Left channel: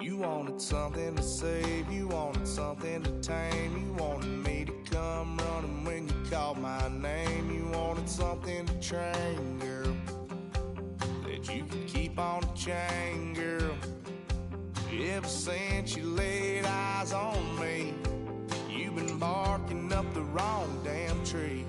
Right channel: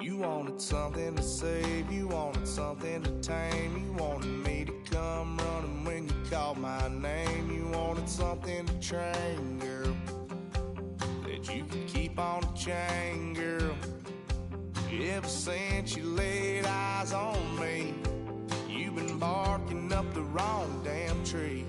You wanted something to save, you wanted something to tame. You wanted me to come running when you called my name. You wanted something to train, girl, that you could keep on the chain, girl. Ever since you laid eyes on me, you've been barking up the wrong damn tree.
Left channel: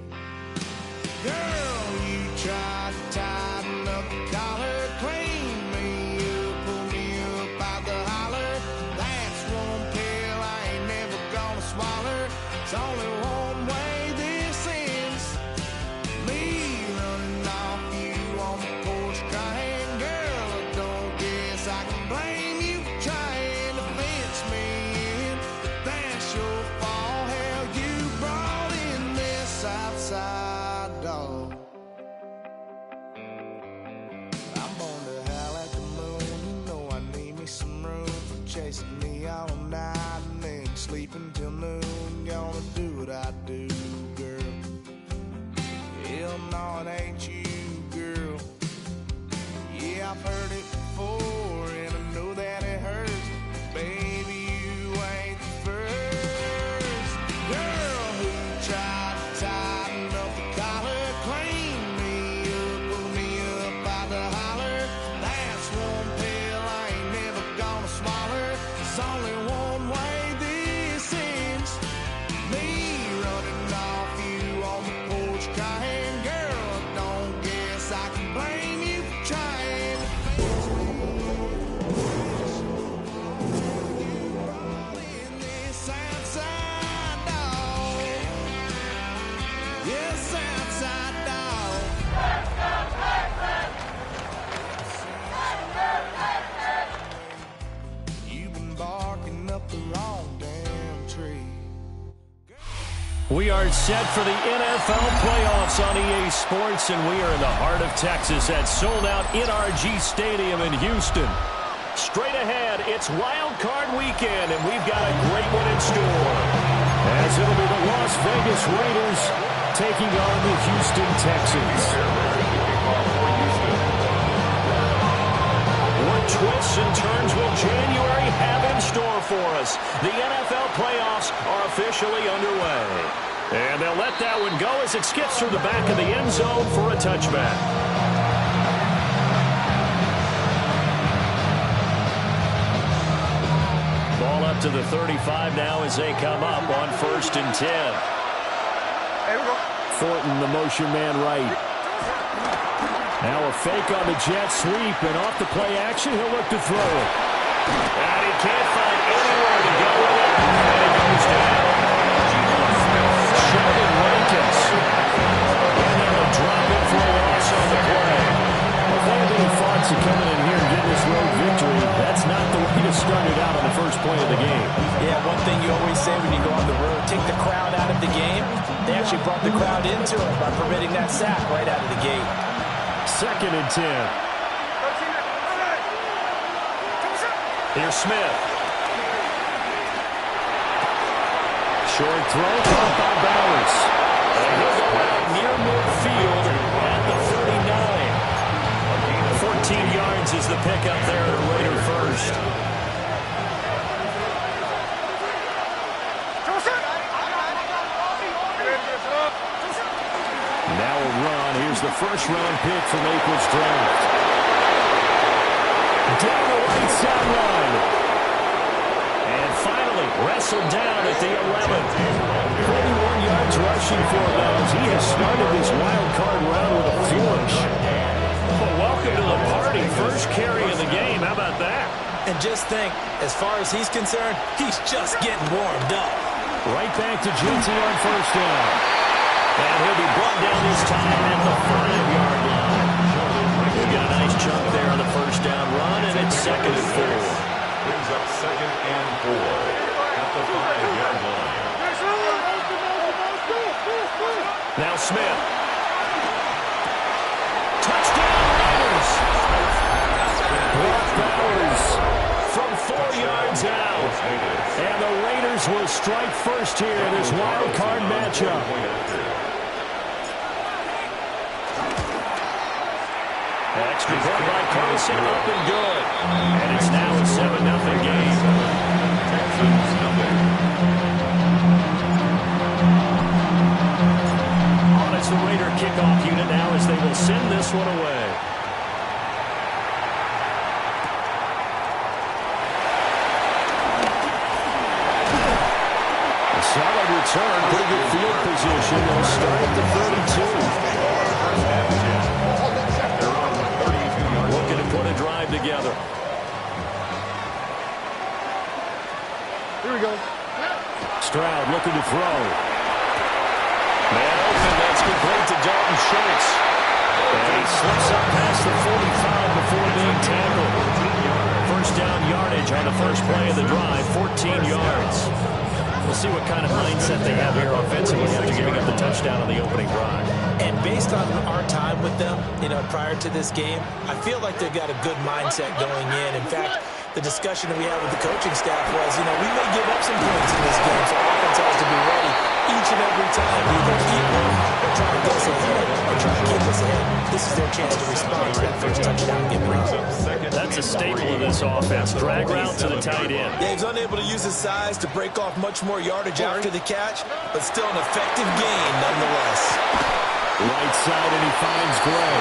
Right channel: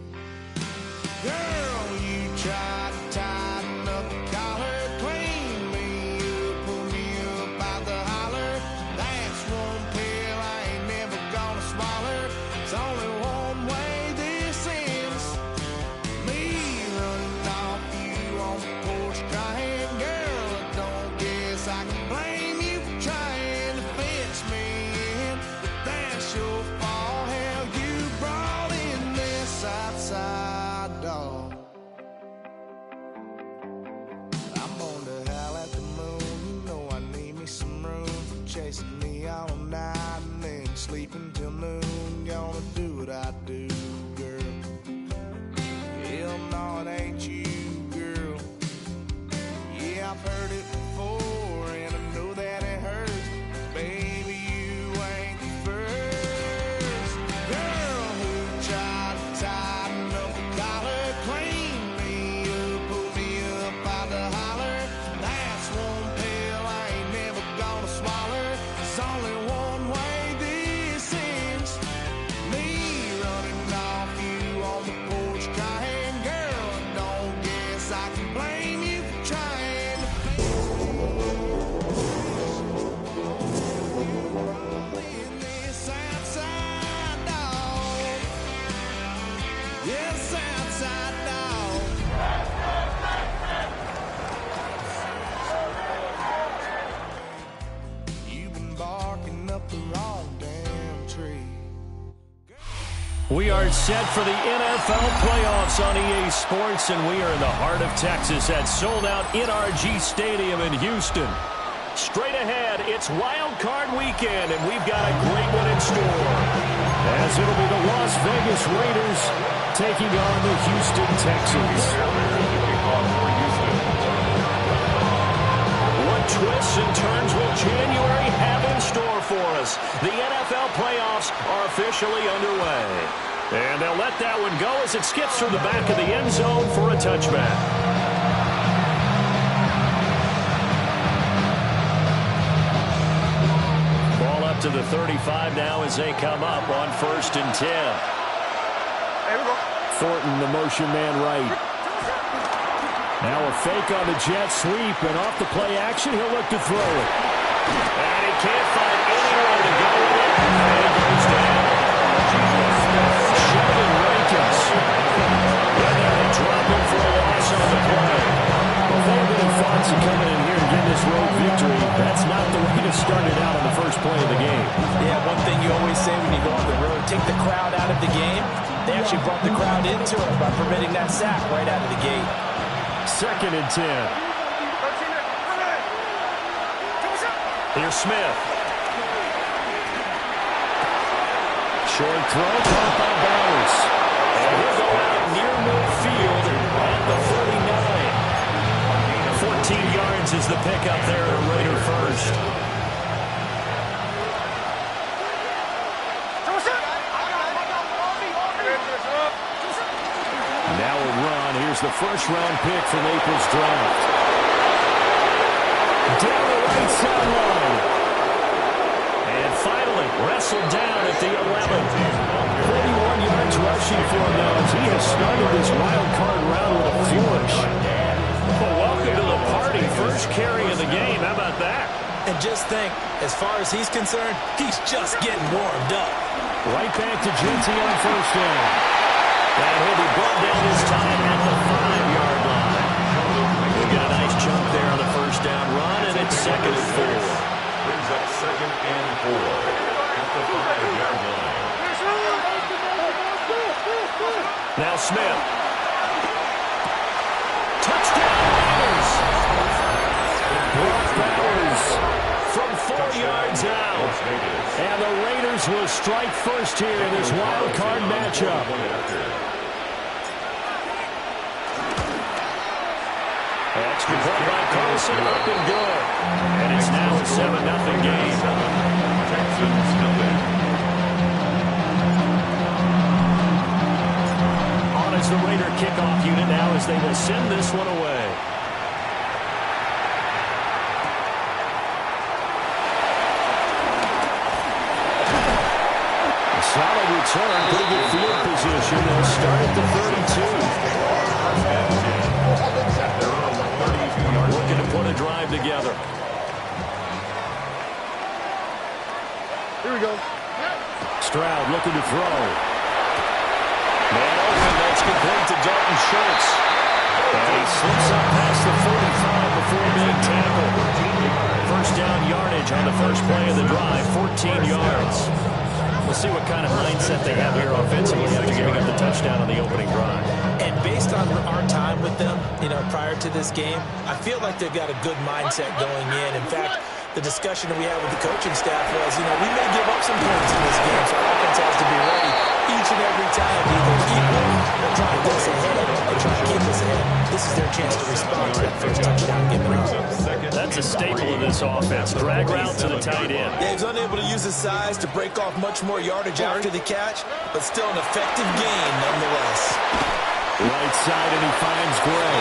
Girl, you tried to tighten up the collar, clean me up, pull me up out the holler. That's one pill I ain't never gonna swallow. It's only one way this ends. Me running off you on the porch crying. Girl, I don't guess I can blame you for trying to fence me in, but that's your fault. Hell, you brought in this outside dog. I'm born to howl at the moon. You know I need me some room for chasing me all night and then sleeping till noon. Gonna do what I do, girl. Hell no, it ain't you, girl. Yeah, I've heard it before and I know that it hurts. Baby, you ain't the first girl who tried to tighten up the collar, clean me up, pull me up out the holler. That's one pill I ain't never gonna swallow. It's only one way this ends. Me running off you on the porch crying. Girl, I don't guess I can blame you for trying to fence me. You brought in this outside dog. Yes, outside dog. You've been barking up the wrong damn tree. We are set for the NFL playoffs on EA Sports, and we are in the heart of Texas at sold-out NRG Stadium in Houston. Straight ahead, it's Wild Card Weekend, and we've got a great one in store, as it'll be the Las Vegas Raiders taking on the Houston Texans. What twists and turns will January have in store for us? The NFL playoffs are officially underway. And they'll let that one go as it skips through the back of the end zone for a touchback. Ball up to the 35 now as they come up on 1st and 10. Hey, we go. Thornton, the motion man right. Now a fake on the jet sweep, and off the play action, he'll look to throw it. And he can't find anywhere to go with it, and it goes down. Sheldon Rankins. And they'll drop him for a loss on the play. Well, if they have any thoughts of coming in here and getting this road victory, that's not the way to start it out on the first play of the game. Yeah, one thing you always say when you go on the road, take the crowd out of the game. They actually brought the crowd into it by permitting that sack right out of the gate. 2nd and 10. Here's Smith. Short throw, caught by Bowers. And he'll go out near midfield at the 39. 14 yards is the pickup there at a Raider first. Now a run. Here's the first-round pick from April's draft. Down the right sideline. And finally, wrestled down at the 11. 31 yards rushing for him now as he has started this wild card round with a flourish. Well, welcome to the party. First carry of the game. How about that? And just think, as far as he's concerned, he's just getting warmed up. Right back to Jinty on 1st down. And he'll be brought down this time at the 5-yard line. We got a nice chunk there on the first down run, and it's 2nd and 4. Brings up 2nd and 4 at the 5-yard line. Now Smith. Touchdown Raiders. Brock Bowers from 4 yards out. And the Raiders will strike first here in this wild card matchup. Extra point by Carlson, up and good. And it's now a 7-0 game. Texans nothing. On is the Raider kickoff unit now as they will send this one away. A solid return, pretty good field position. They'll start at the 32. Looking to put a drive together. Here we go. Stroud looking to throw. Man open, that's complete to Dalton Schultz. And he slips up past the 45 before being tackled. First down yardage on the first play of the drive, 14 yards. We'll see what kind of mindset they have here offensively after giving up the touchdown on the opening drive. And based on our time with them, prior to this game, I feel like they've got a good mindset going in. In fact, the discussion that we had with the coaching staff was, we may give up some points in this game, so our offense has to be ready each and every time to either equal or try to get us ahead or try to keep us ahead. This is their chance to respond to that first touchdown given up. That's a staple of this offense. Drag route to the tight end. Yeah, he's unable to use his size to break off much more yardage after the catch, but still an effective gain nonetheless. Right side, and he finds Gray.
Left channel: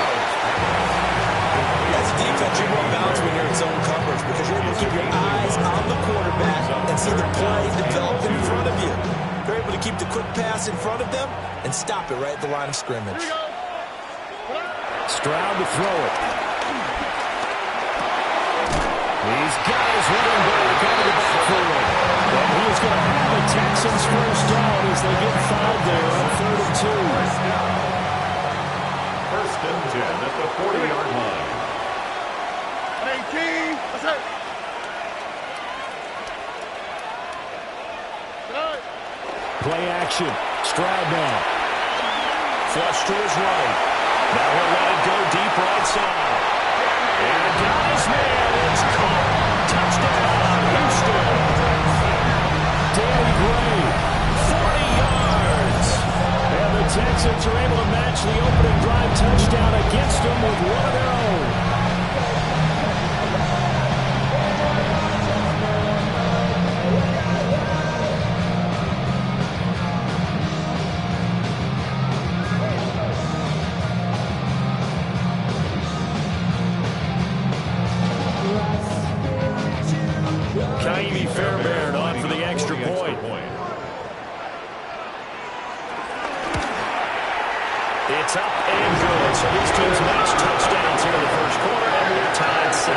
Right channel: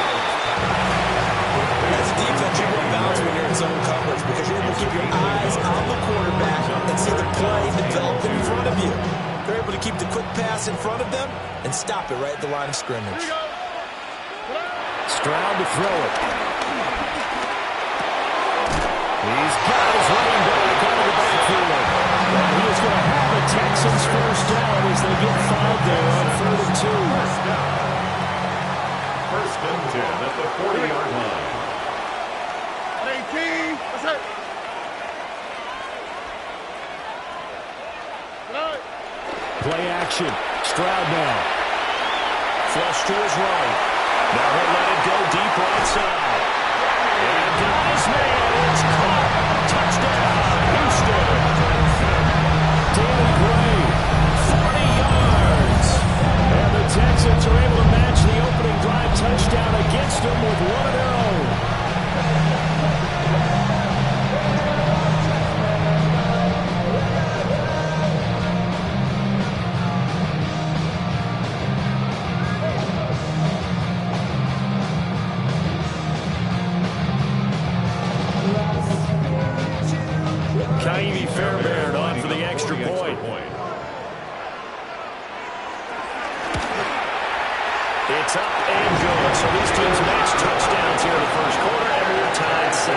As a defense, you're more balanced when you're in zone coverage because you're able to keep your eyes on the quarterback and see the play develop in front of you. They're able to keep the quick pass in front of them and stop it right at the line of scrimmage. Stroud to throw it. He's got his running back out of the backfield. And he is going to have a Texans first down as they get fouled there on 3rd and 2. First and 10 at the 40-yard line. 18. What's that? Play action. Stroud now. Flush to his right. Now he'll let it go deep right side. And got his man. It's caught. Touchdown, Houston. Danny Gray, 40 yards. And the Texans are able to match the opening drive touchdown against them with one of their own. Kaimi Fairbairn on for the extra point. It's up and good. So these teams match touchdowns here in the first quarter, and we're tied 7-7.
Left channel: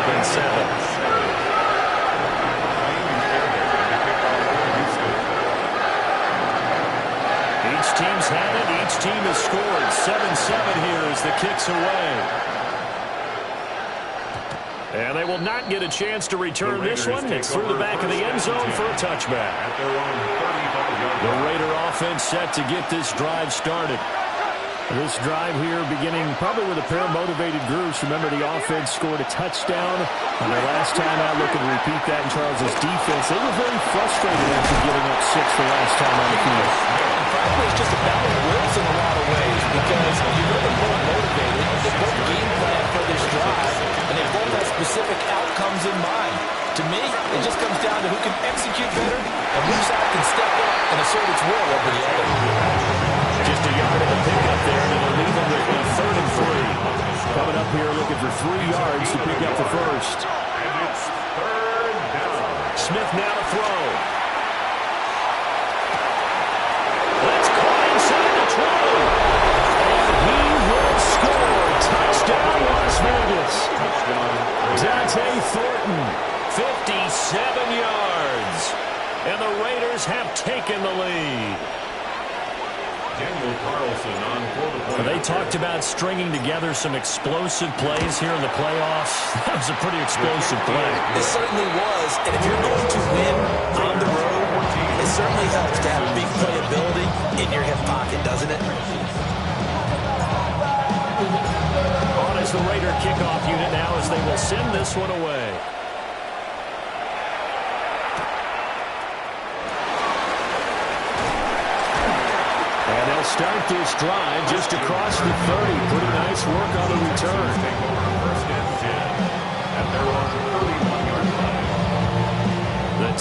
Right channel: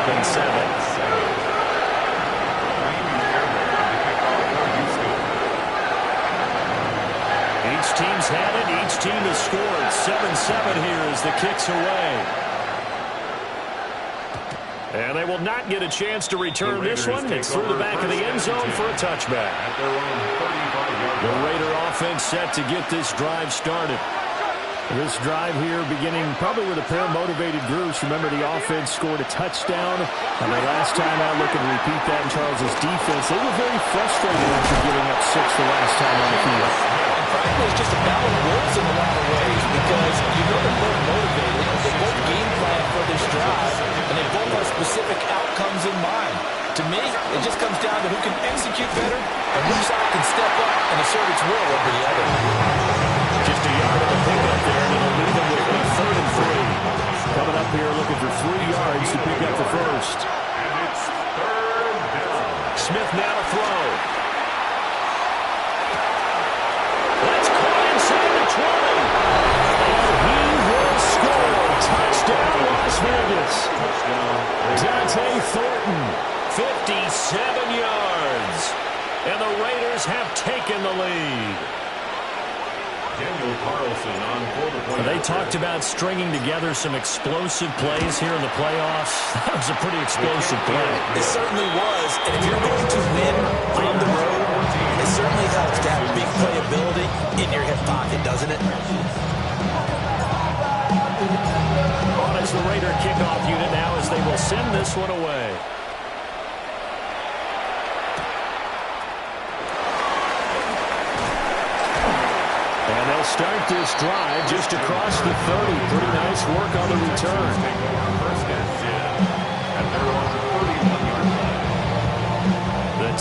Each team's had it. Each team has scored. 7-7 here as the kick's away. And they will not get a chance to return this one. It's through the back of the end zone for a touchback. At their own 35-yard The line. Raider offense set to get this drive started. This drive here beginning probably with a pair of motivated groups. Remember, the offense scored a touchdown on their last time out. Looking to repeat that in Charles's defense. They were very frustrated after giving up 6 the last time on the field. And frankly, it's just a battle of wills in a lot of ways because they're both motivated. They both game plan for this drive, and they both have specific outcomes in mind. To me, it just comes down to who can execute better and which side can step up and assert its will over the other. Just a yard of the pickup there, and it'll leave them with a 3rd and 3. Coming up here looking for 3 yards to pick up the first. And it's 3rd down. Smith now to throw. That's caught inside the 20. And he will score. Touchdown, Las Vegas. Touchdown. Dante Thornton, 57 yards. And the Raiders have taken the lead. Daniel Carlson on for the point. They talked about stringing together some explosive plays here in the playoffs. That was a pretty explosive play. It certainly was. And if you're going to win on the road, it certainly helps to have big playability in your hip pocket, doesn't it? On is the Raider kickoff unit now as they will send this one away. And they'll start this drive just across the 30. Pretty nice work on the return. Take over 1st and 10 at their own 31-yard line.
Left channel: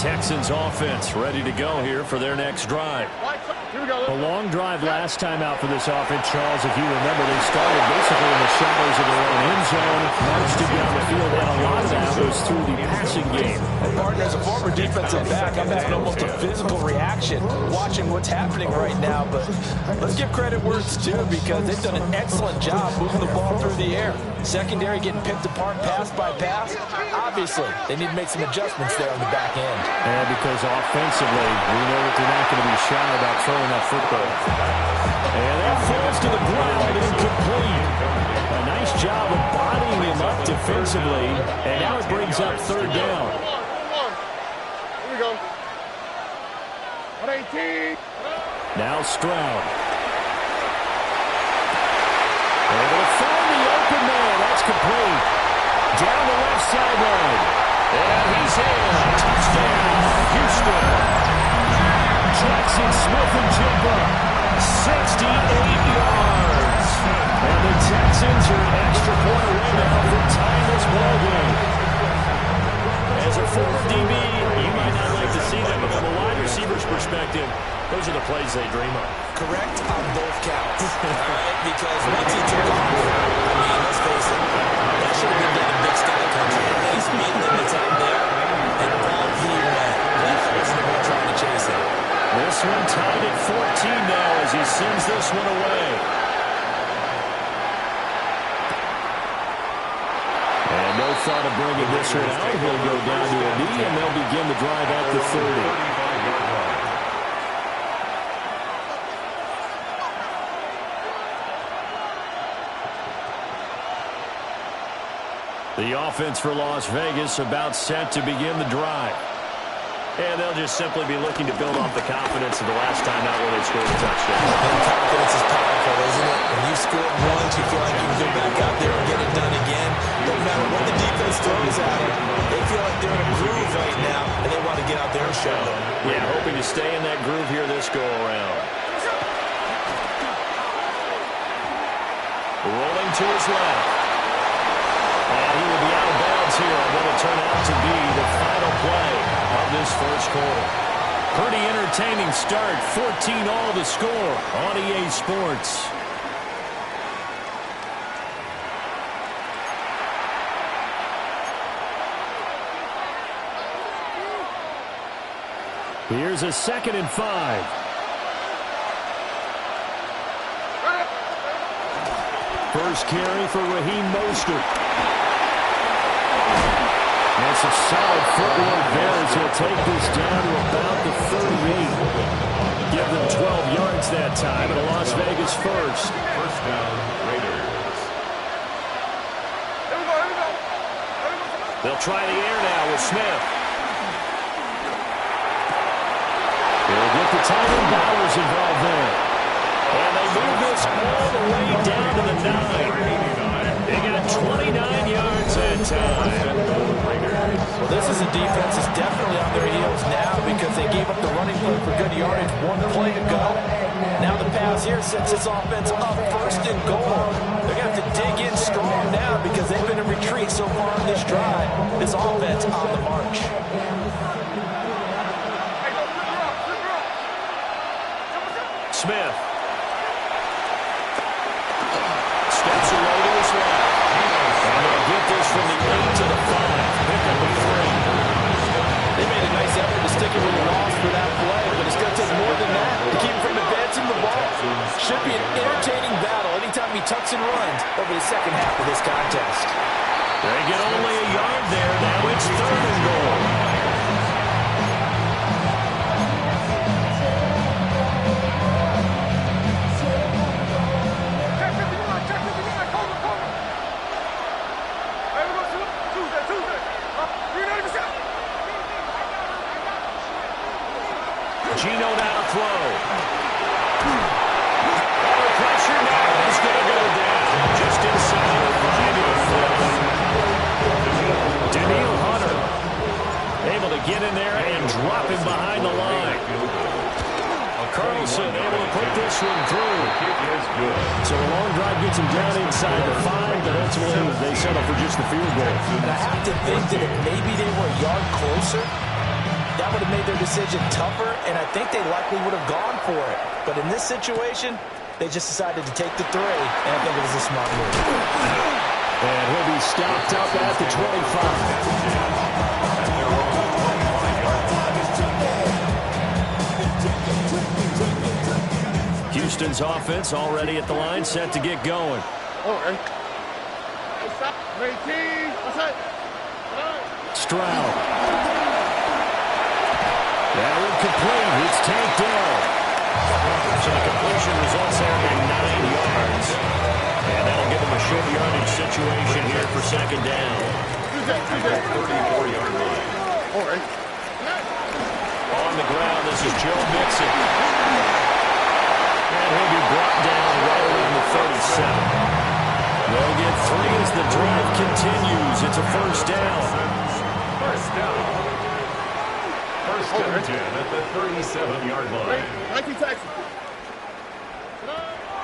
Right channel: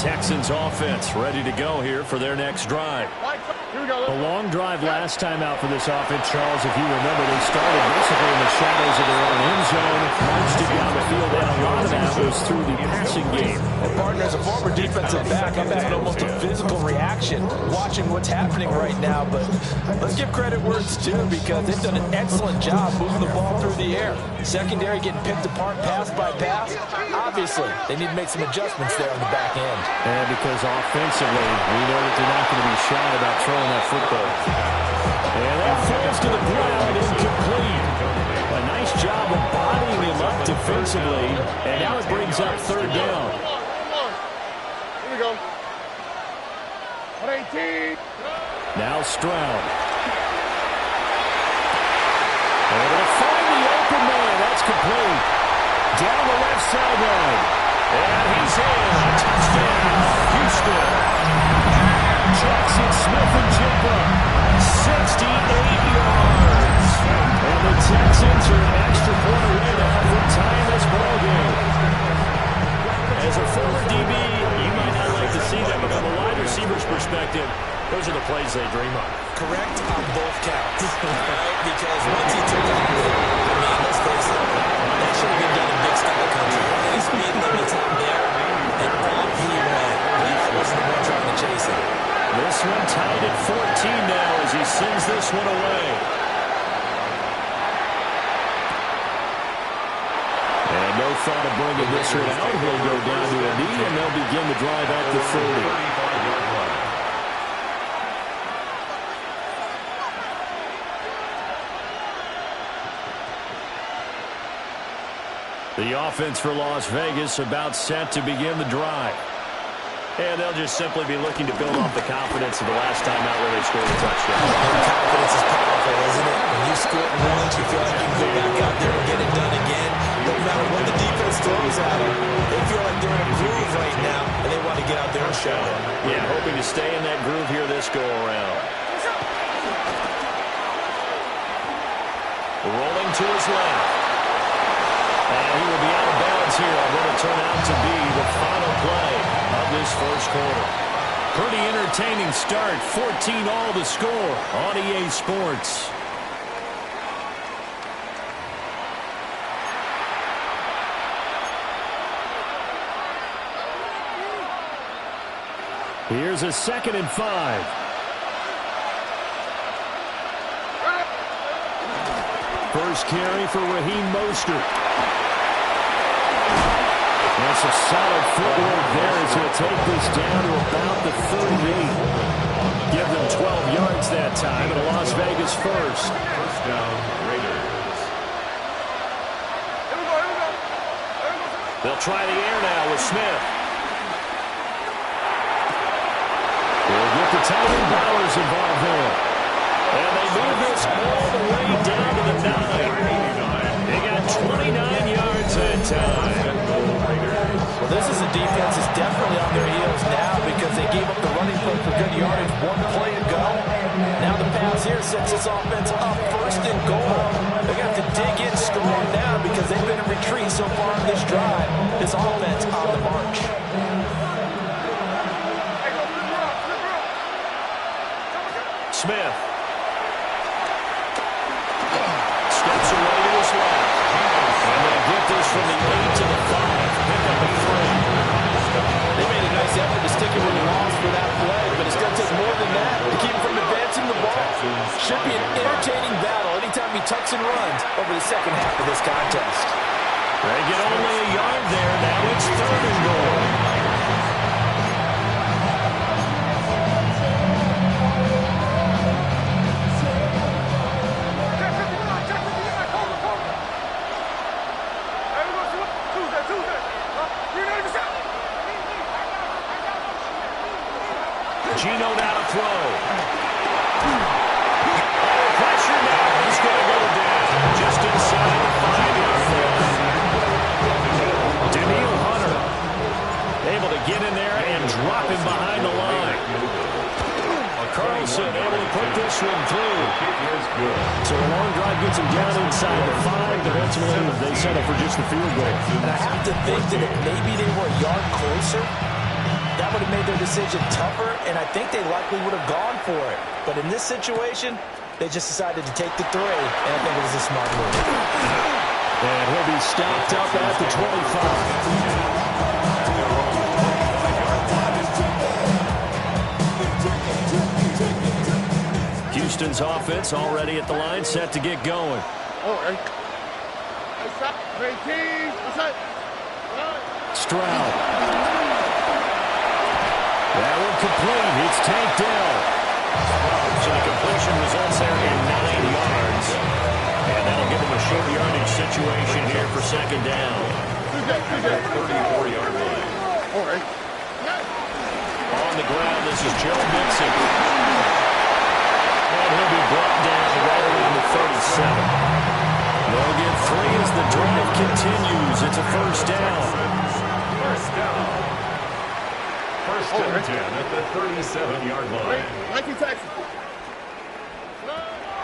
Texans offense ready to go here for their next drive. Here we go. A long drive last time out for this offense, Charles. If you remember, they started basically in the shadows of their own end zone, marched it down the field, and a lot of that was through the passing game. And partner, as a former defensive back, I'm having almost a physical reaction watching what's happening right now. But let's give credit where it's due, because they've done an excellent job moving the ball through the air. Secondary getting picked apart pass by pass. Obviously, they need to make some adjustments there on the back end. And because offensively, we know that they're not going to be shy about throwing that football. And that falls to the ground, incomplete. A nice job of bodying him up defensively, and now it brings up third down. Here we go. 118. Now Stroud. Able to find the open man. That's complete. Down the left sideline. And he's in. Touchdown, Houston. Jackson Smith-Njigba, 68 yards. And the Texans are an extra point away now from tying this ball game. As a former DB, you might not like to see that, but from a wide receiver's perspective, those are the plays they dream of. Correct on both counts. All right? Because once he took off, I mean, let's face it, that should have been done in Big Sky Country. Any speed limits out there, and off he went. Glad I wasn't the one trying to chase him. This one tied at 14 now as he sends this one away. And no thought of bringing this one out. He'll go down to a knee, and they'll begin the drive at the 30. The offense for Las Vegas about set to begin the drive. And they'll just simply be looking to build off the confidence of the last time out where they scored a touchdown. And confidence is powerful, isn't it? When you score once, you feel like you can go back out there and get it done again. No matter what the defense throws at them, they feel like they're in a groove right now, and they want to get out there and show it. Yeah, hoping to stay in that groove here this go-around. Rolling to his left. And he will be out of bounds here on what will turn out to be the final play of this first quarter. Pretty entertaining start. 14-all the score on EA Sports. Here's a 2nd and 5. First carry for Raheem Mostert. And some solid footwork there as he'll take this down to about the 38. Give them 12 yards that time, and a Las Vegas first. First down, Raiders. They'll try the air now with Smith. He'll get the tight end Bowers involved there. And they move this all the way down to the 9. They got 29 yards that time. Well, this is a defense that's definitely on their heels now because they gave up the running play for good yardage. One play to go. Now the pass here sets this offense up 1st and goal. They're going to have to dig in strong now because they've been in retreat so far on this drive. This offense on the march. Smith. Steps away to his left. And they'll get this from the 8 to the 5. Pick up a 3. They made a nice effort to stick it with a loss for that play, but it's going to take more than that to keep him from advancing the ball. Should be an entertaining battle anytime he tucks and runs over the second half of this contest. They get only a yard there. Now it's 3rd and goal. Gino now to throw. Under pressure now. He's going to go down just inside the 5-yard line. Daniil Hunter able to get in there and drop him behind the line. Carlson able to put this one through. So a long drive gets him down inside the 5, but ultimately they settle for just the field goal. And I have to think that if maybe they were a yard closer, that would have made their decision tougher, and I think they likely would have gone for it. But in this situation, they just decided to take the 3, and I think it was a smart move. And he'll be stopped up at the 25. Houston's offense already at the line, set to get going. Oh, hey. Hey, stop. 18. What's that? Stroud. That one complete. It's tanked down. So the completion results there in 9 yards. And that'll give them a short yardage situation here for second down. 34-yard line. All right. On the ground, this is Joe Mixon. And he'll be brought down right around the 37. They'll get 3 as the drive continues. It's a first down. First down. First and 10 at the 37-yard line. 19 Texas.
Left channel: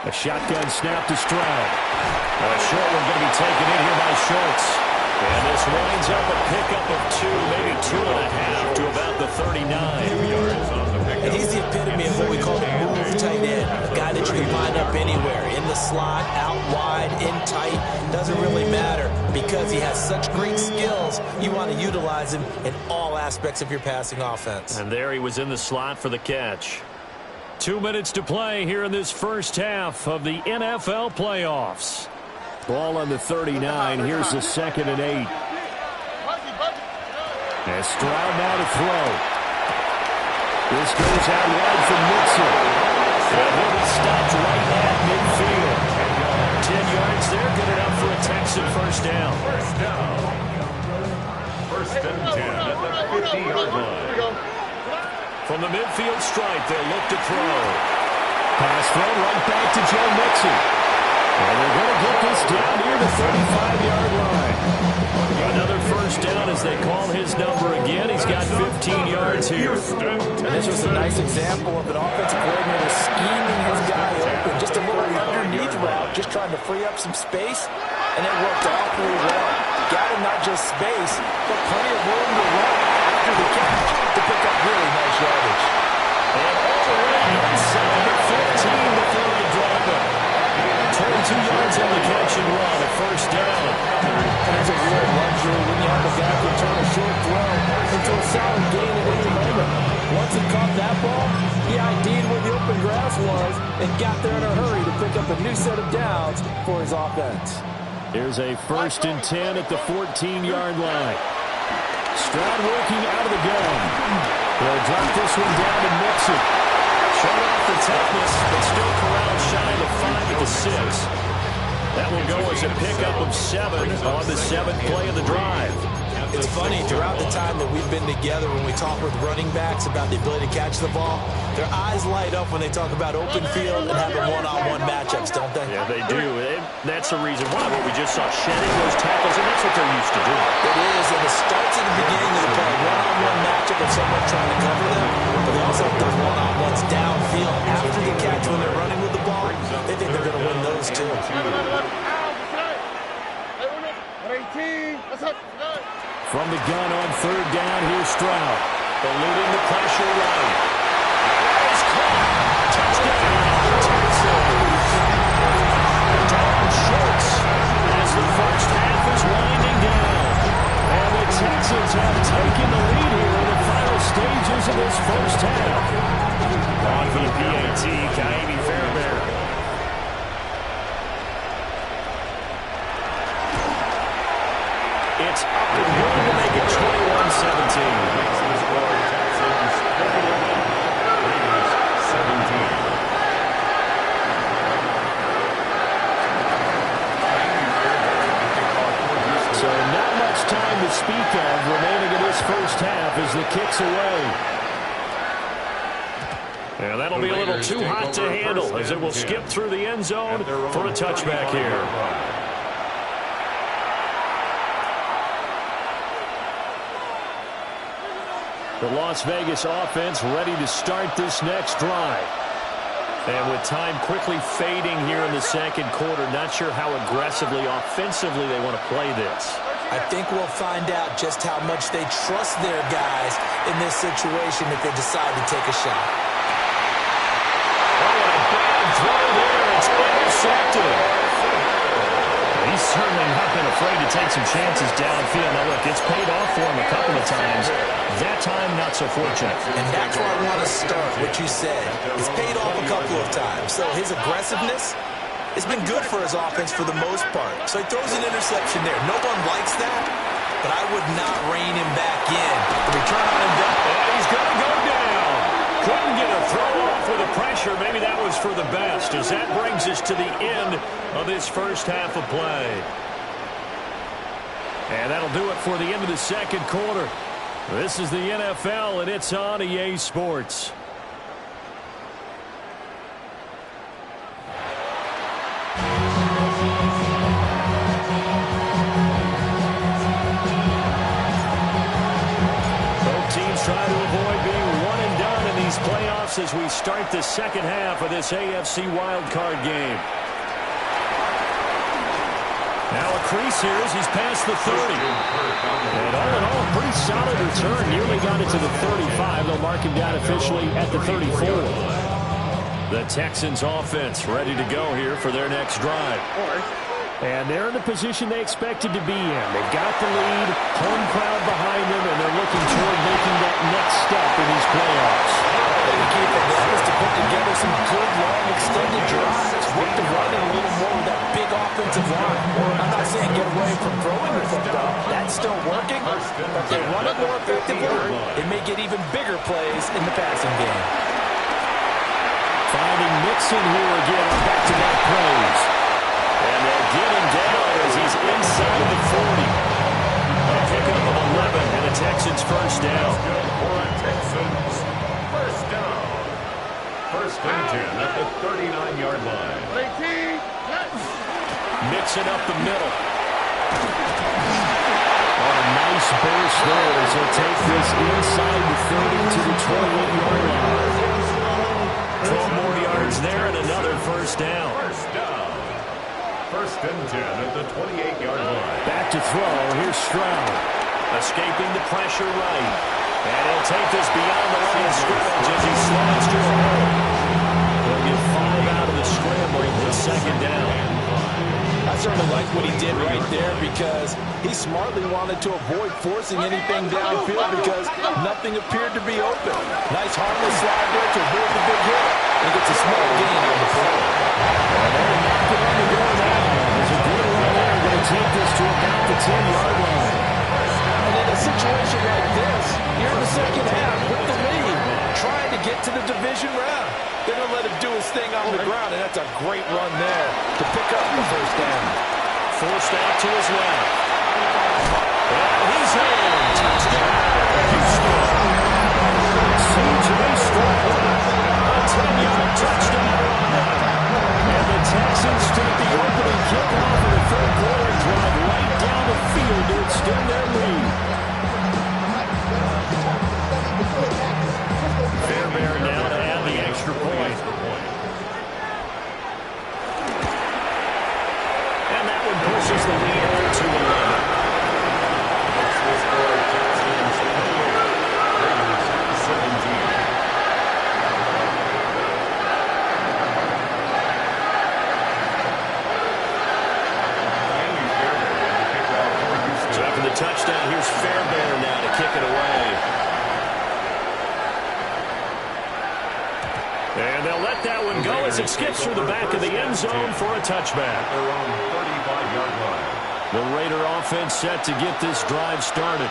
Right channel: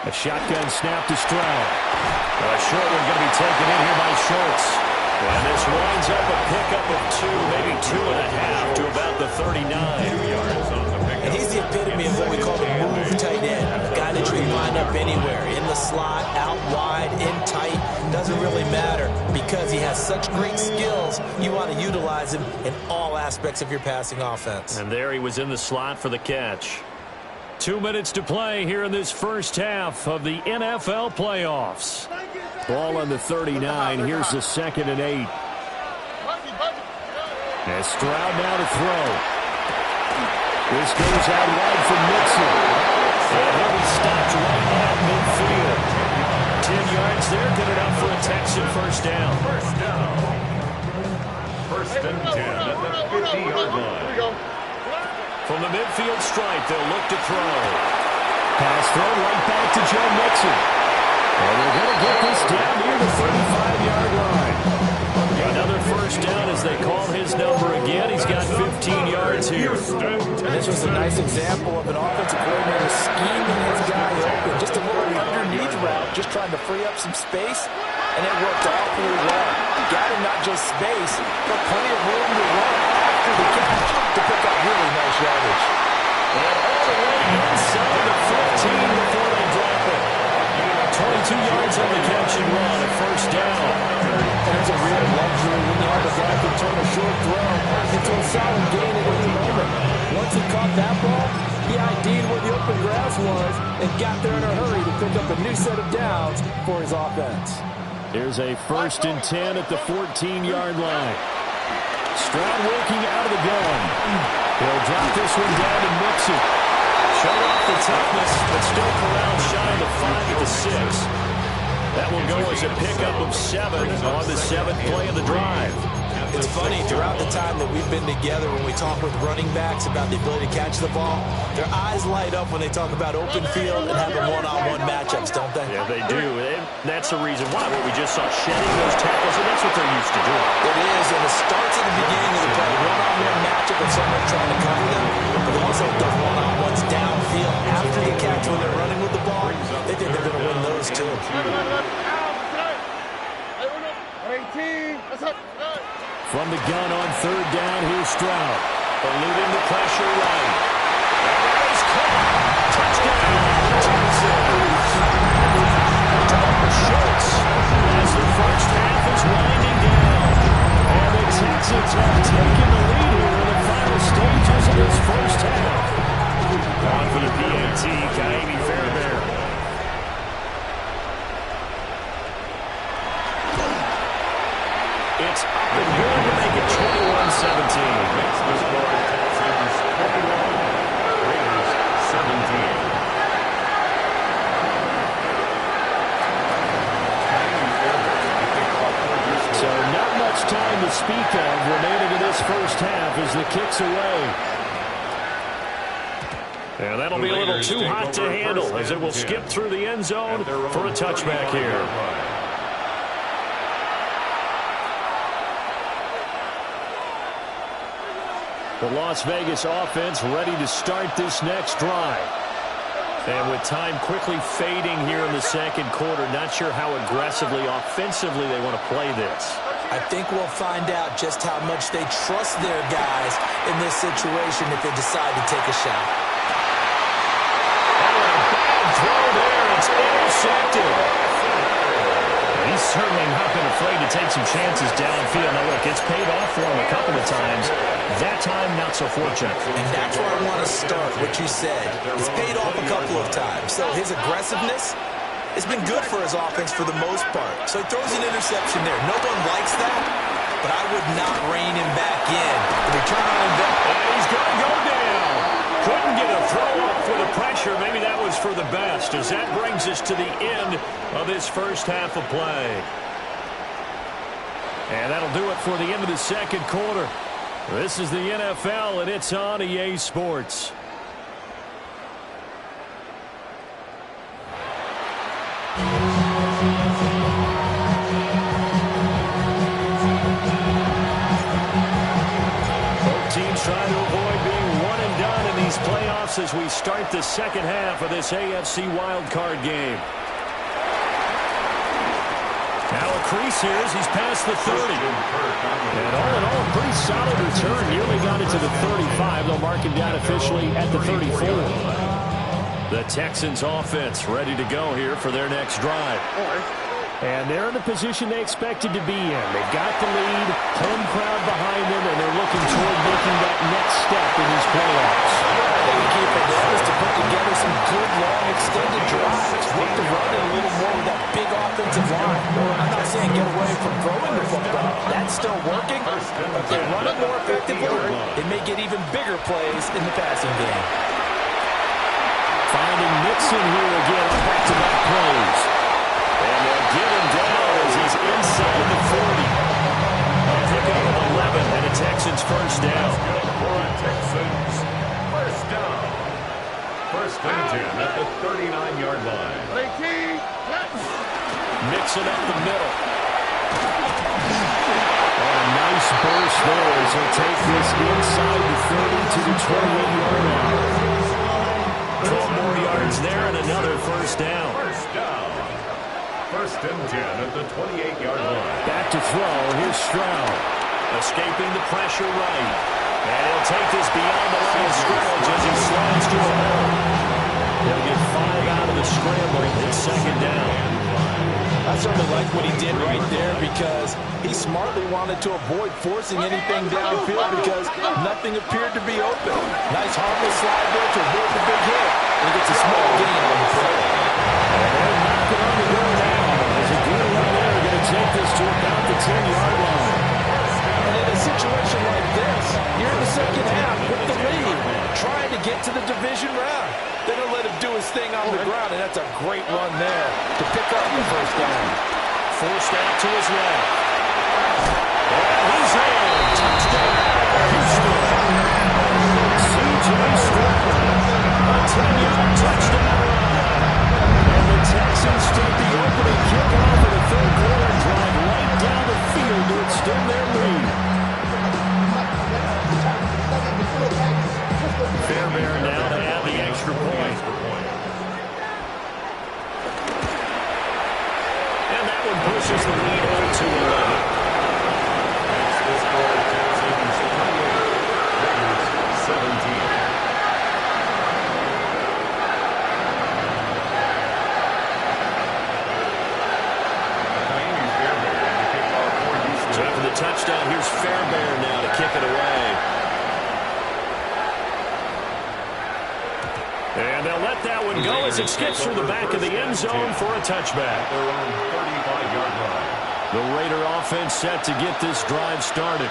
A shotgun snap to Stroud. A short one going to be taken in here by Schultz. And this winds up a pickup of 2, maybe 2.5 to about the 39. 2 yards on the pickup. And he's the epitome of what we call the move tight end. A guy that you can line up anywhere. In the slot, out wide, in tight. Doesn't really matter because he has such great skills. You want to utilize him in all aspects of your passing offense. And there he was in the slot for the catch. 2 minutes to play here in this first half of the NFL playoffs. Ball on the 39. Here's the 2nd and 8. And Stroud now to throw. This goes out wide for Mixon. And he'll be stopped right at midfield. 10 yards there, good enough for a Texan first down. First down. First and 10 at the 50-yard line. From the midfield stripe, they'll look to throw. Pass thrown right back to Joe Mixon. And they're going to get this down near the 35-yard line. Another first down as they call his number again. He's got 15 yards here. And this was a nice example of an offensive coordinator scheming his guy open. Just a little underneath route, just trying to free up some space. And it worked awfully well. Got him not just space, but plenty of room to run after the catch to pick up really nice yardage. And all the way inside the 15 before they drop it. 22 yards on the catch and run, a first down. And it's a real luxury when you have a guy who can turn a short throw into a solid gain at any moment. Once he caught that ball, he ID'd where the open grass was and got there in a hurry to pick up a new set of downs for his offense. Here's a 1st and 10 at the 14-yard line. Stroud working out of the gun. He'll drop this one down to Mixon. Showed off the toughness, but still corralled shy of the 5 at the 6. That will go as a pickup of 7 on the 7th play of the drive. It's funny, throughout the time that we've been together, when we talk with running backs about the ability to catch the ball, their eyes light up when they talk about open field and having one-on-one matchups, don't they? Yeah, they do. That's the reason why. What we just saw, shedding those tackles, and that's what they're used to doing. It is, and it starts at the beginning of the play. One-on-one matchup of someone trying to cover them, but also those one-on-ones downfield after the catch when they're running with the ball. They think they're going to win those, too. 18. What's up? From the gun on 3rd down, here's Stroud. Eluding the pressure right. And that is caught. Touchdown, Texans. Dalton Schultz as the first half is winding down. And the Texans have taken the lead here in the final stages of this first half. On for the PAT, Kaimi Fairbairn. It's up and good to make it 21-17. Makes the score Texans 21, Raiders 17. So not much time to speak of remaining in this first half as the kick's away. And that'll be a little too hot to handle as it will skip through the end zone for a touchback here. The Las Vegas offense ready to start this next drive. And with time quickly fading here in the second quarter, not sure how aggressively, offensively they want to play this. I think we'll find out just how much they trust their guys in this situation if they decide to take a shot. Oh, and a bad throw there. It's intercepted. He's certainly not been afraid to take some chances downfield. Now, look, it's paid off for him a couple of times. That time, not so fortunate. And that's where I want to start, what you said. It's paid off a couple of times. So his aggressiveness, it's been good for his offense for the most part. So he throws an interception there. No one likes that, but I would not rein him back in. The return on investment. And he's going to go down. Couldn't get a throw off with the pressure. Maybe that was for the best, as that brings us to the end of this first half of play. And that'll do it for the end of the second quarter. This is the NFL, and it's on EA Sports. Both teams trying to avoid being one and done in these playoffs as we start the second half of this AFC wildcard game. Now a crease here as he's past the 30. And all in all, a pretty solid return. Nearly got it to the 35. They'll mark him down officially at the 34. The Texans offense ready to go here for their next drive. And they're in the position they expected to be in. They've got the lead, home crowd behind them, and they're looking toward making that next step in these playoffs. I think the key for them is to put together some good, long, extended drives. Work the run in a little more with that big offensive line. I'm not saying get away from throwing the football. That's still working. But if they run it more effectively, they may get even bigger plays in the passing game. Finding Mixon here again on back-to-back plays. And they'll get him down as he's inside the 40. A pickup of 11 and a Texans first down. Good for a Texans first down. First and 10 at the 39-yard line. Mixing up the middle. On a nice burst there as he'll take this inside the 30 to the 28-yard line. 12 more yards there and another first down. First down. First and 10 at the 28-yard line. Back to throw. Here's Stroud. Escaping the pressure right. And he'll take this beyond the line of scrimmage as he slides to a hole. He'll get 5 out of the scramble. It's second down. I certainly like what he did right there because he smartly wanted to avoid forcing anything downfield because nothing appeared to be open. Nice harmless slide there to avoid the big hit. And gets a small gain on the play. And they're knocking on the door now. There's a good run there. Going to take this to about the 10-yard line. And in a situation like this, you're in the second half with the lead, trying to get to the division round. They're going to let him do his thing on the ground, and that's a great run there to pick up the first down. Forced out to his left. And he's in. Touchdown, Houston. C.J. Stroud. A 10-yard touchdown run. And the Texans take the opening kickoff of the third quarter and drive right down the field to extend their lead. Fairbairn now to add the extra point. And that one pushes the lead up to 11. Makes the score Texans 28, Raiders 17. So after the touchdown, here's Fairbairn now to kick it away. And they'll let that one go as it skips through the back of the end zone for a touchback. Their own 35-yard line. The Raider offense set to get this drive started.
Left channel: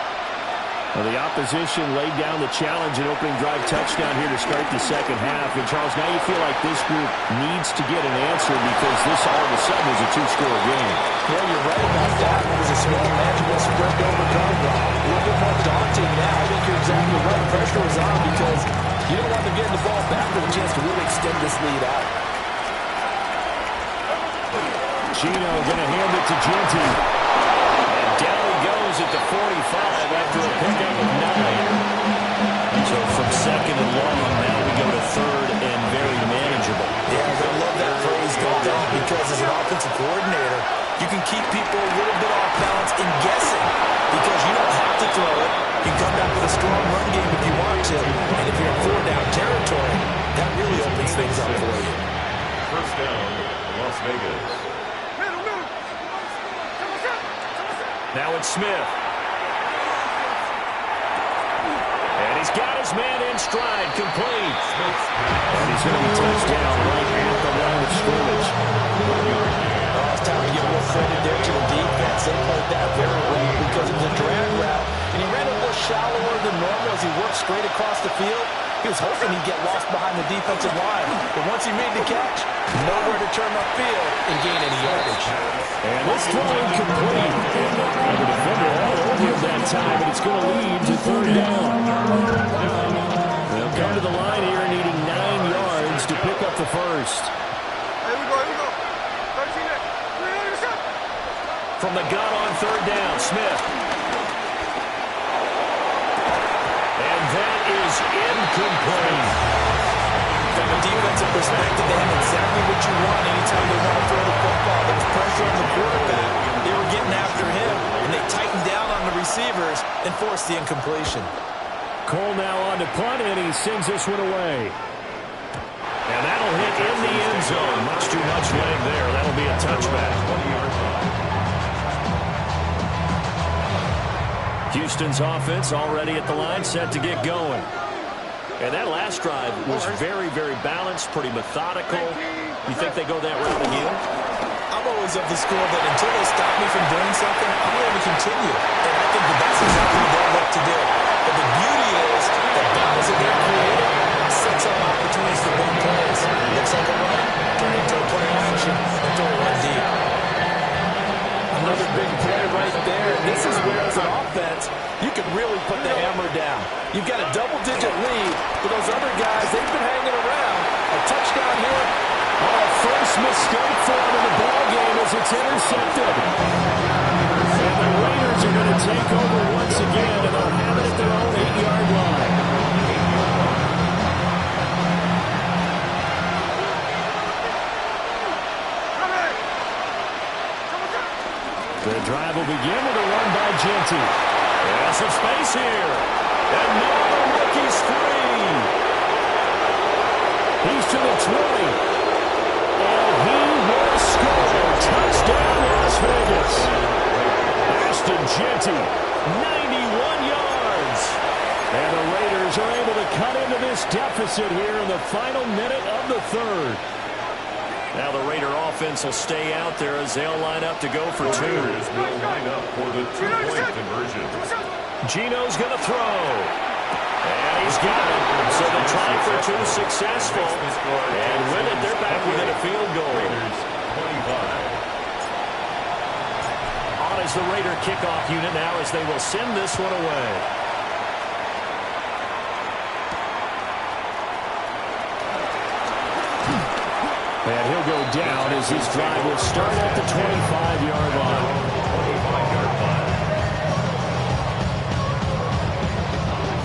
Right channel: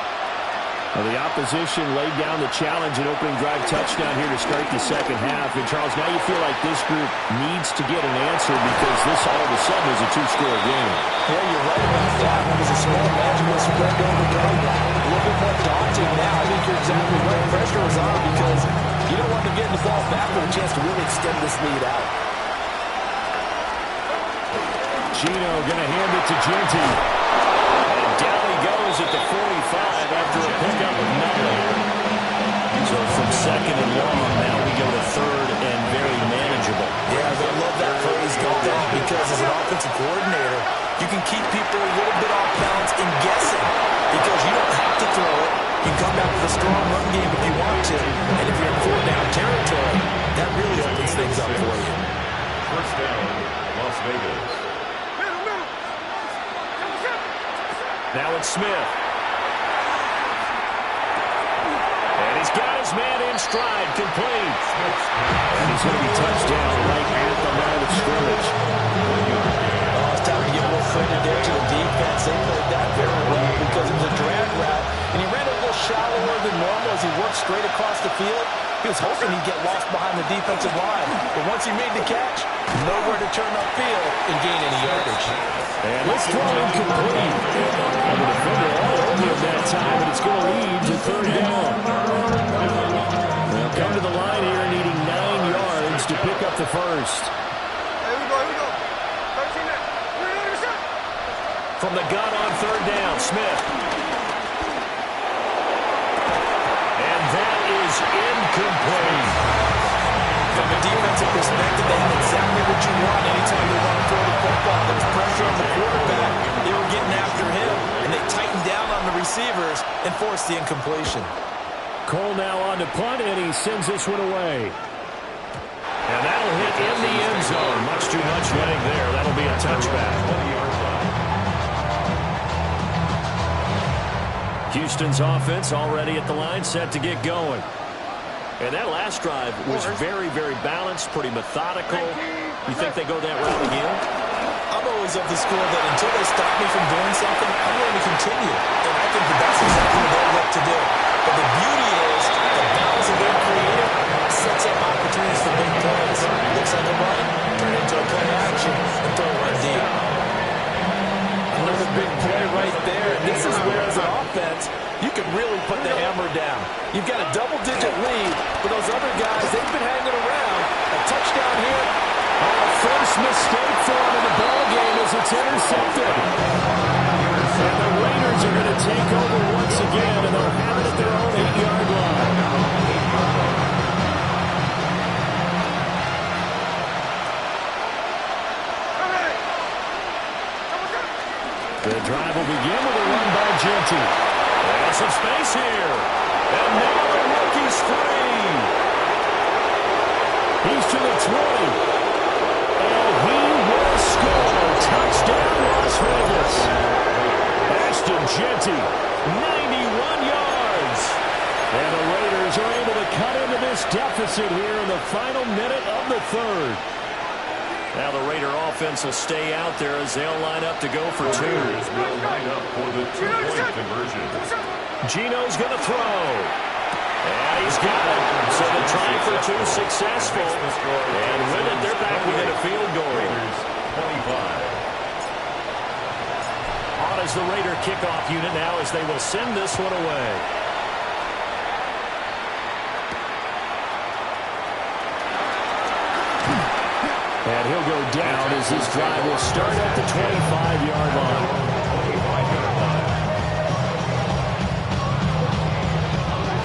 Well, the opposition laid down the challenge and opening drive touchdown here to start the second half. And, Charles, now you feel like this group needs to get an answer because this all of a sudden is a two-score game. Yeah, you're right about that. It was a small manageable spread to overcome. A little bit more daunting now. I think you're exactly right. Pressure is on because you don't want them getting the ball back with a chance to really extend this lead out. Chino going to hand it to Genty. And down he goes at the 45 after a pickup of 9. So from second and long, now we go to third and very manageable. Yeah, I love that phrase, don't they? Because as an offensive coordinator, you can keep people a little bit off balance in guessing because you don't have to throw it. You can come back with a strong run game if you want to. And if you're in 4-down territory, that really opens things up for you. First down, Las Vegas. Now it's Smith. And he's got his man in stride, complete. And he's going to be touched down right at the line of scrimmage. Oh, it's time to give more credit there to the defense. They played that very well because it was a drag route, and he ran a little shallower than normal as he worked straight across the field. He was hoping he'd get lost behind the defensive line, but once he made the catch, nowhere to turn upfield and gain any yardage. And this throw incomplete. And the defender all over him that time, but it's going to lead to third down. They'll come to the line here needing 9 yards to pick up the first. Here we go. 13 next. From the gun on third down, Smith. And that is incomplete. From a defensive perspective, they have exactly what you want anytime they want to throw the football. There was pressure on the quarterback. They were getting after him, and they tightened down on the receivers and forced the incompletion. Cole now on to punt, and he sends this one away. And that'll hit in the end zone. Much too much leg there. That'll be a touchback. 20-yard line. Houston's offense already at the line, set to get going. And that last drive was very, very balanced, pretty methodical. You think they go that route again? I'm always of the school that until they stop me from doing something, I'm going to continue. And I think that's exactly what they'll look to do. But the beauty is the balance that they're creating sets up opportunities for big plays. Looks like a run, turn it into a play action, and throw one deep. Another big play right there. This is where, as an offense, you can really put the hammer down. You've got a double-digit lead, but those other guys, they've been hanging around. A touchdown here. Oh, first mistake for him in the ball game as it's intercepted. And the Raiders are going to take over once again, and they'll have it at their own 8-yard line. The drive will begin with a run by Genty. And some space here. And now the rookie's free. He's to the 20. And he will score. Touchdown, Las Vegas. Ashton Genty, 91 yards. And the Raiders are able to cut into this deficit here in the final minute of the third. Now the Raider offense will stay out there as they'll line up to go for two. Raiders will line up for the two-point conversion. Gino's going to throw. And he's got it. So the try for two successful. And with it, they're back within a field goal. Raiders 25. On is the Raider kickoff unit now as they will send this one away. And he'll go down as this drive will start at the 25-yard line. 25-yard line.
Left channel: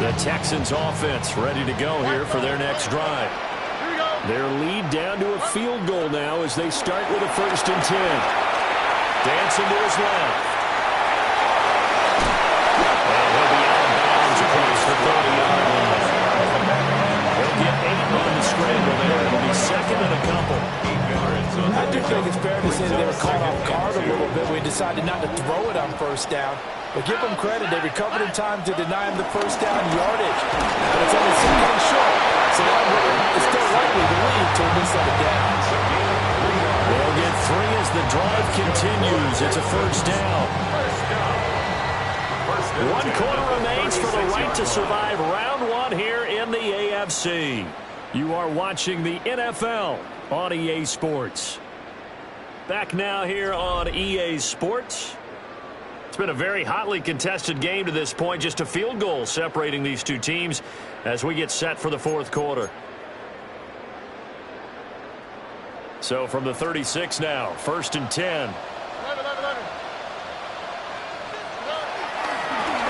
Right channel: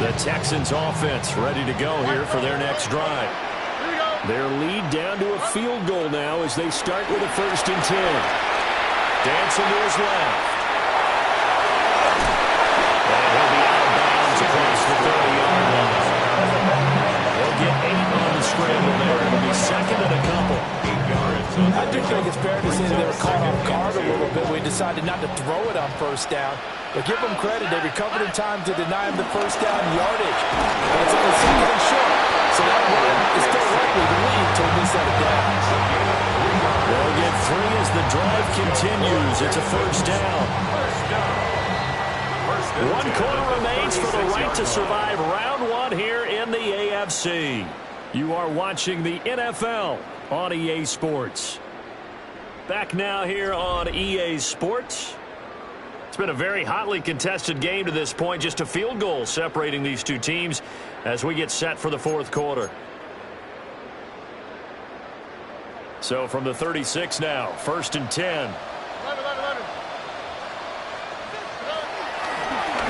The Texans offense ready to go here for their next drive. Their lead down to a field goal now as they start with a 1st and 10. Dancing to his left. And he'll be out of bounds across the 30-yard line. He'll get 8 on the scramble there. It'll be second and a couple. 8 yards. I do think it's fair to say that they were caught off guard a little bit. We decided not to throw it on 1st down. But give them credit. They recovered in time to deny him the 1st down yardage. But it's only 2 and short. So that run is still likely to lead to a new set of downs. They'll get 3 as the drive continues. It's a 1st down. 1 quarter remains for the right to survive round 1 here in the AFC. You are watching the NFL on EA Sports. Back now here on EA Sports. It's been a very hotly contested game to this point. Just a field goal separating these two teams as we get set for the 4th quarter. So from the 36 now, 1st and 10.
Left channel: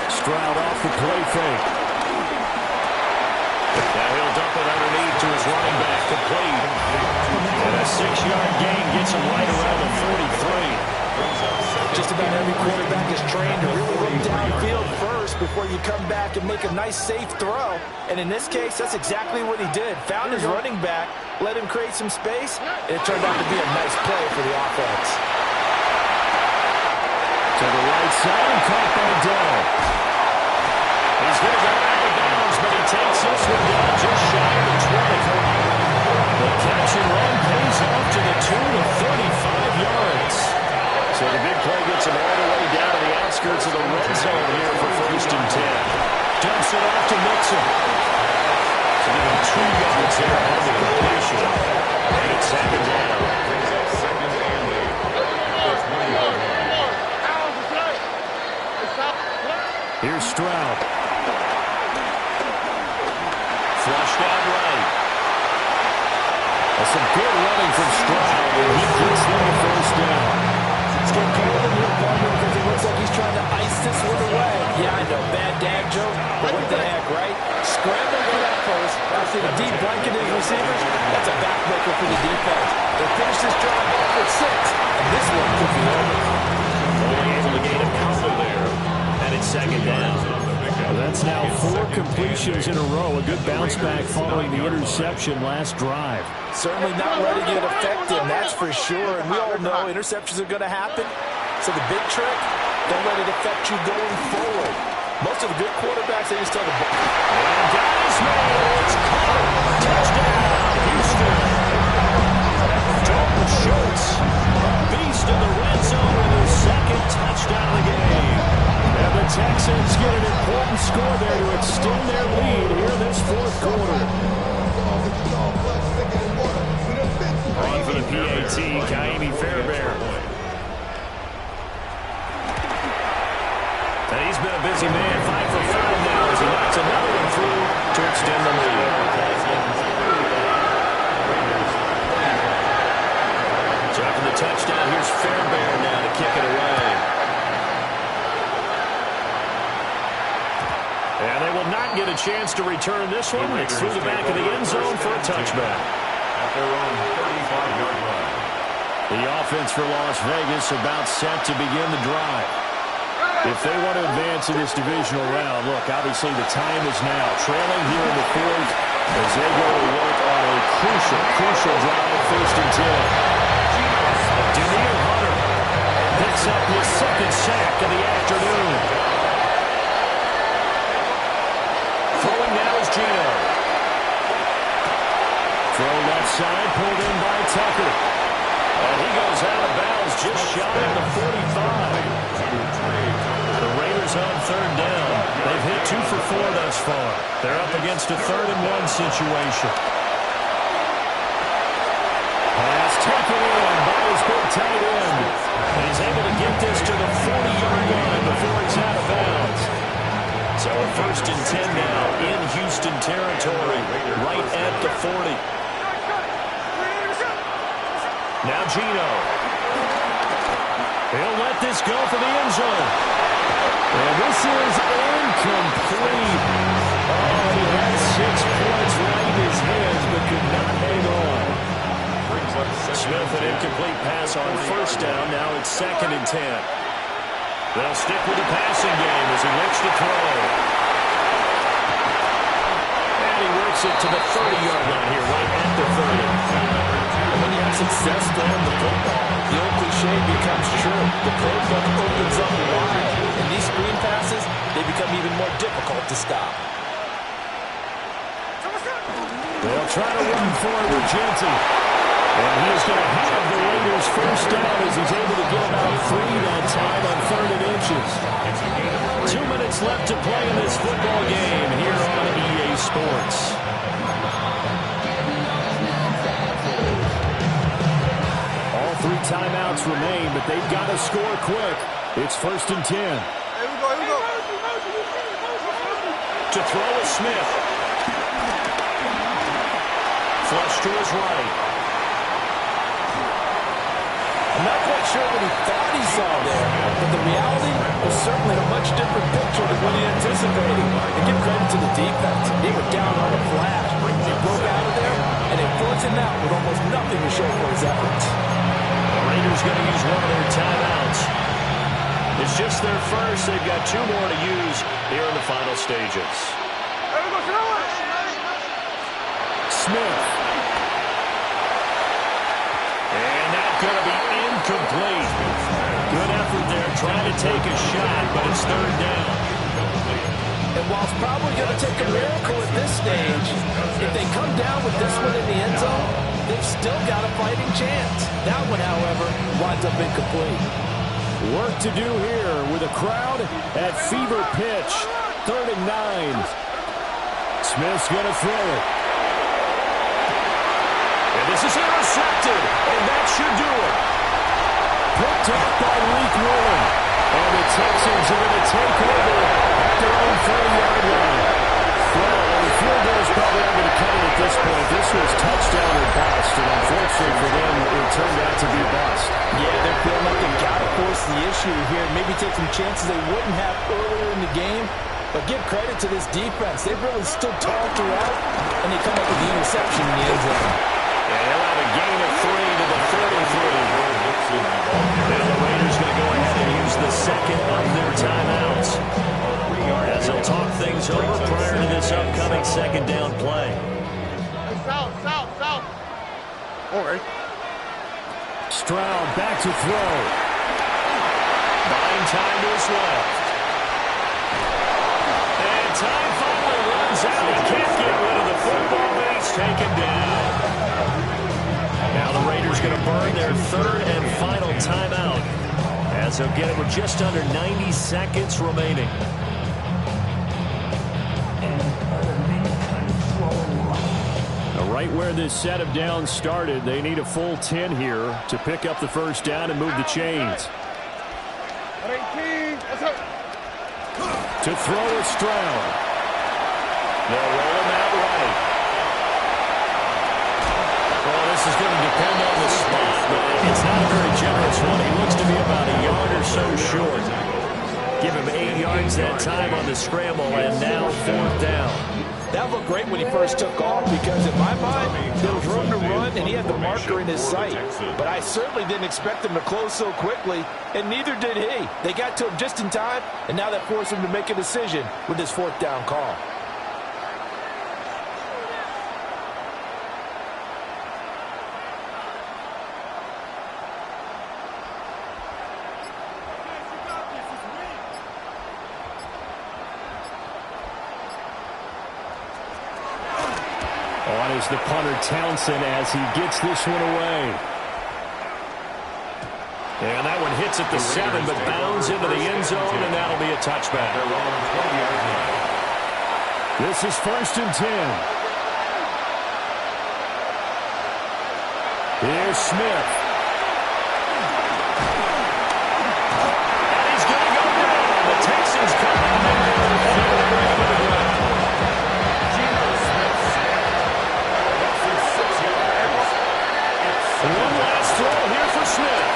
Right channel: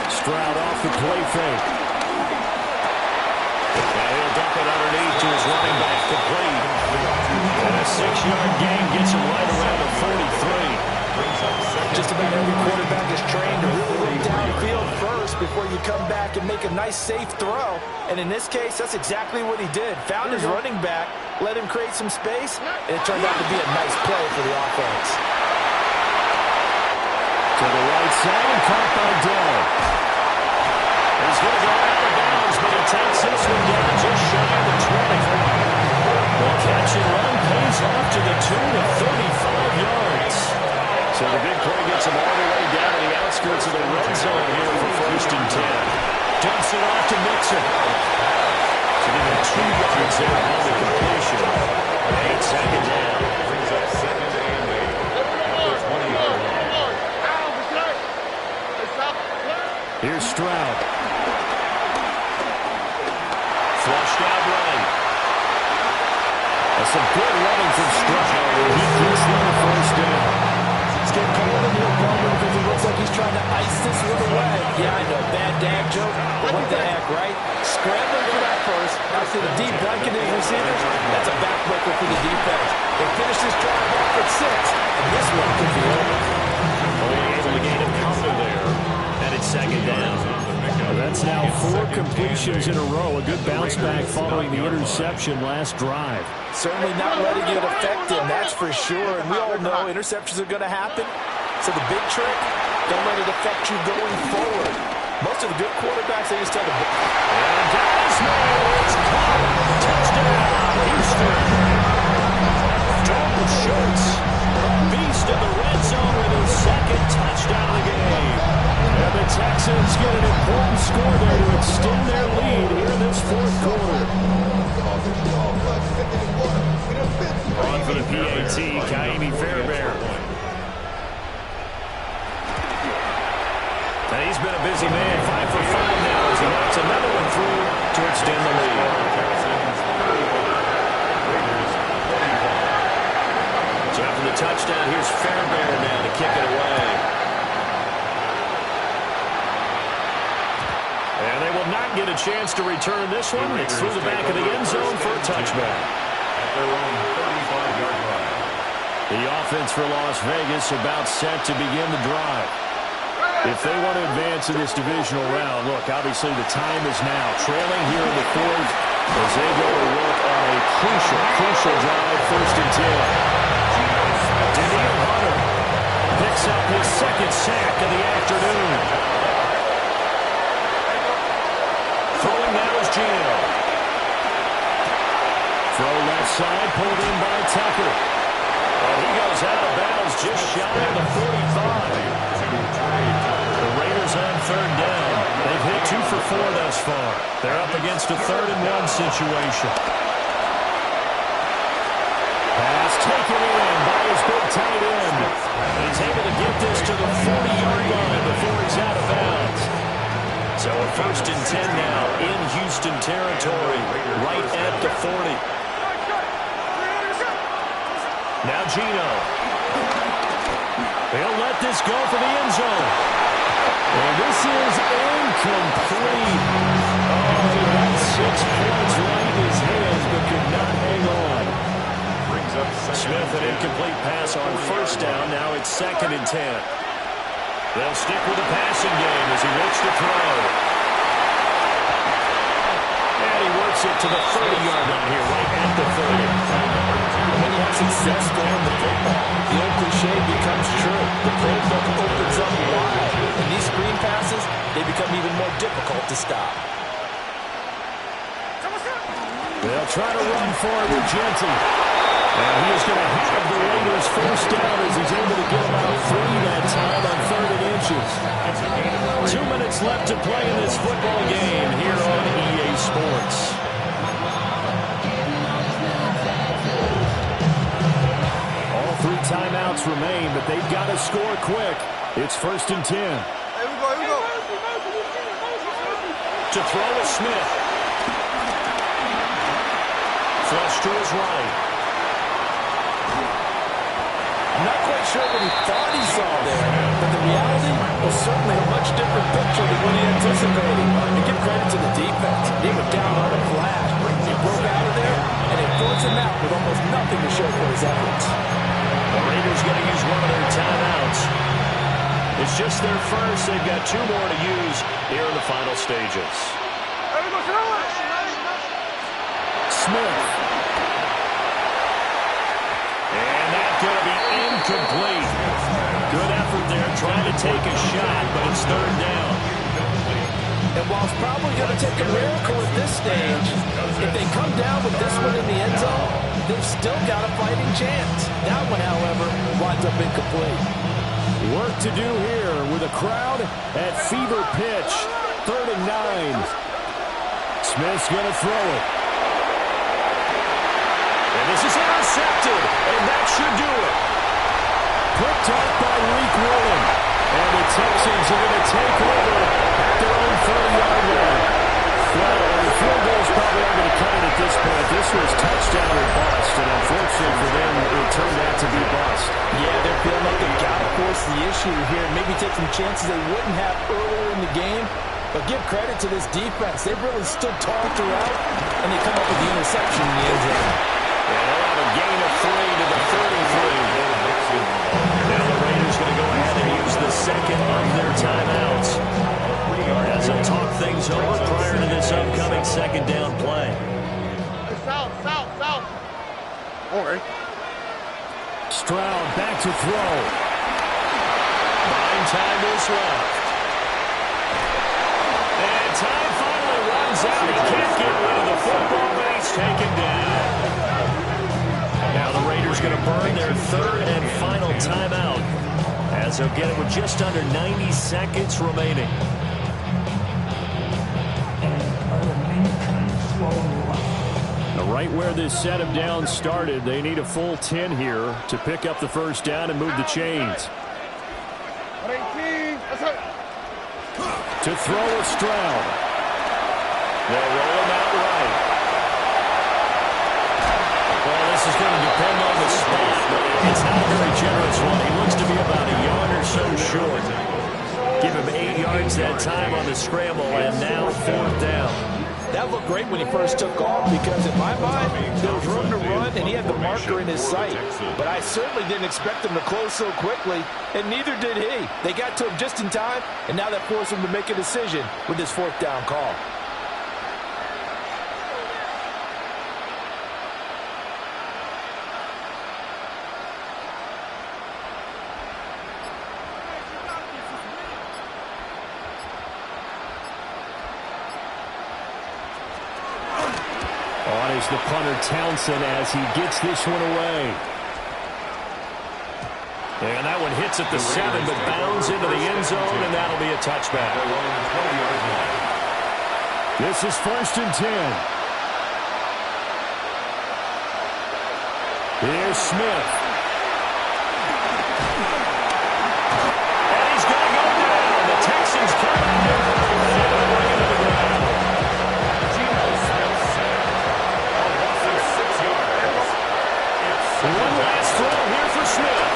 Stroud off the play fake. Now he'll dump it underneath to his running back, complete. And a 6-yard gain gets him right around the 43. Brings up Just about every quarterback is trained to really look downfield first before you come back and make a nice, safe throw. And in this case, that's exactly what he did. Found his running back, let him create some space, and it turned out to be a nice play for the offense. To the right side and caught by Dell. He's going to go out of bounds, but he takes this one down just shy of the 20. The catch and run pays off to the tune of 35 yards. So the big play gets him all the way down to the outskirts of the red zone here for 1st and 10. Dumps it off to Mixon. So give him 2 yards there on the completion. And it's 2nd down. Brings up 2nd and 8 at the 20-yard line. Here's Stroud. Flushed out right. That's some good running from Stroud, and he gets them the 1st down. It's getting cold in here, partner, because it looks like he's trying to ice this one away. Yeah, I know, bad dad joke, but what the heck, right? Scrambling for that first. After the deep blanket his receivers, that's a backbreaker for the defense. They finish this drive off with 6, and this one could be over. Only able to gain a couple there. And it's 2nd down. That's now 4 completions in a row. A good bounce back following the interception last drive. Certainly not letting it affect him, that's for sure. And we all know interceptions are going to happen. So the big trick, don't let it affect you going forward. Most of the good quarterbacks, they just tell the ball. And that is made. It's caught. Touchdown, Houston. Dalton Schultz, a beast in the red zone with his 2nd touchdown of the game. And the Texans get an important score there to extend their lead here in this 4th quarter. On for the PAT, Kaimi Fairbairn. And he's been a busy man, 5 for 5 now as he knocks another one through to extend the lead. So after the touchdown, here's Fairbairn now to kick it away. And they will not get a chance to return this one. It's through the back of the end zone for a touchback. At their own 35-yard line. The offense for Las Vegas about set to begin the drive. If they want to advance in this divisional round, look, obviously the time is now. Trailing here in the 4th as they go to work on a crucial drive, 1st and 10. Daniil Hunter picks up his 2nd sack of the afternoon. Throwing now is Gino. Throw left side, pulled in by Tucker. And he goes out of bounds just shy of the 45. The Raiders on 3rd down. They've hit 2 for 4 thus far. They're up against a 3rd and 1 situation. Pass taken in by his big tight end. And he's able to get this to the 40-yard line before he's out of bounds. So a 1st and 10 now in Houston territory, right at the 40. Now Gino. He'll let this go for the end zone. And this is incomplete. Oh, he had 6 points right in his hands, but could not hang on. Smith, an incomplete pass on 1st down. Now it's 2nd and 10. They'll stick with the passing game as he looks to throw. And he works it to the 30-yard line here, right at the 30. And when you have success throwing the football, the old cliche becomes true. The playbook opens up wide. And these screen passes, they become even more difficult to stop. They'll try to run for it with Genty. And he is going to have the Raiders 1st down as he's able to get about 3 that time on 3rd and inches. 2 minutes left to play in this football game here on EA Sports. All 3 timeouts remain, but they've got to score quick. It's 1st and 10. Here we go. To throw is Smith. Flush to his right. I'm not quite sure what he thought he saw there, but the reality was certainly a much different picture than what he anticipated. And give credit to the defense. They were down on a flash. They broke out of there, and they forced him out with almost nothing to show for his efforts. The Raiders going to use one of their timeouts. It's just their first. They've got 2 more to use here in the final stages. Smith. And that's going to be incomplete. Good effort there trying to take a shot, but it's 3rd down. And while it's probably going to take a miracle at this stage, if they come down with this one in the end zone, they've still got a fighting chance. That one, however, winds up incomplete. Work to do here with a crowd at fever pitch. 3rd and 9. Smith's going to throw it. And this is intercepted, and that should do it. Picked up by Leak Woolen. And the Texans are going to take over at their own 30-yard line. Well, the field goals probably aren't going to cut it at this point. This was touchdown or bust, and unfortunately for them, it turned out to be bust. Yeah, they're feeling like they've got to force the issue here. Maybe take some chances they wouldn't have earlier in the game. But give credit to this defense. They've really stood tall throughout, and they come up with the interception in the end zone. And he'll have a gain of 3 to the 33. Now the Raiders going to go ahead and use the second of their timeouts as they'll talk things over prior to this upcoming 2nd down play. Hey, south. Okay. Stroud back to throw. Buying time to his left. And time finally runs out. He can't get rid of the football, but he's taken down. Now the Raiders going to burn their 3rd and final timeout as they'll get it with just under 90 seconds remaining. Now, right where this set of downs started, they need a full 10 here to pick up the 1st down and move the chains. 18. Let's go. To throw with Stroud. They'll roll him out right. Well, this is going to depend on the spot, but it's not a very generous one. He looks to be about a yard or so short. Give him 8 yards that time on the scramble, and now 4th down. That looked great when he first took off because, in my mind, there was room to run, and he had the marker in his sight. But I certainly didn't expect him to close so quickly, and neither did he. They got to him just in time, and now that forced him to make a decision with this 4th down call. On is the punter Townsend as he gets this one away. And that one hits at the 7, but bounds into the end zone, and that'll be a touchback. This is 1st and 10. Here's Smith. And he's going to go down. The Texans come out there and able to bring him to the ground. One last throw here for Smith.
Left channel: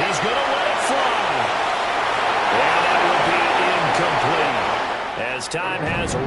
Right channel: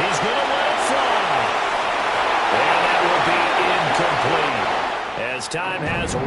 He's going to let it fly. And that will be incomplete as time has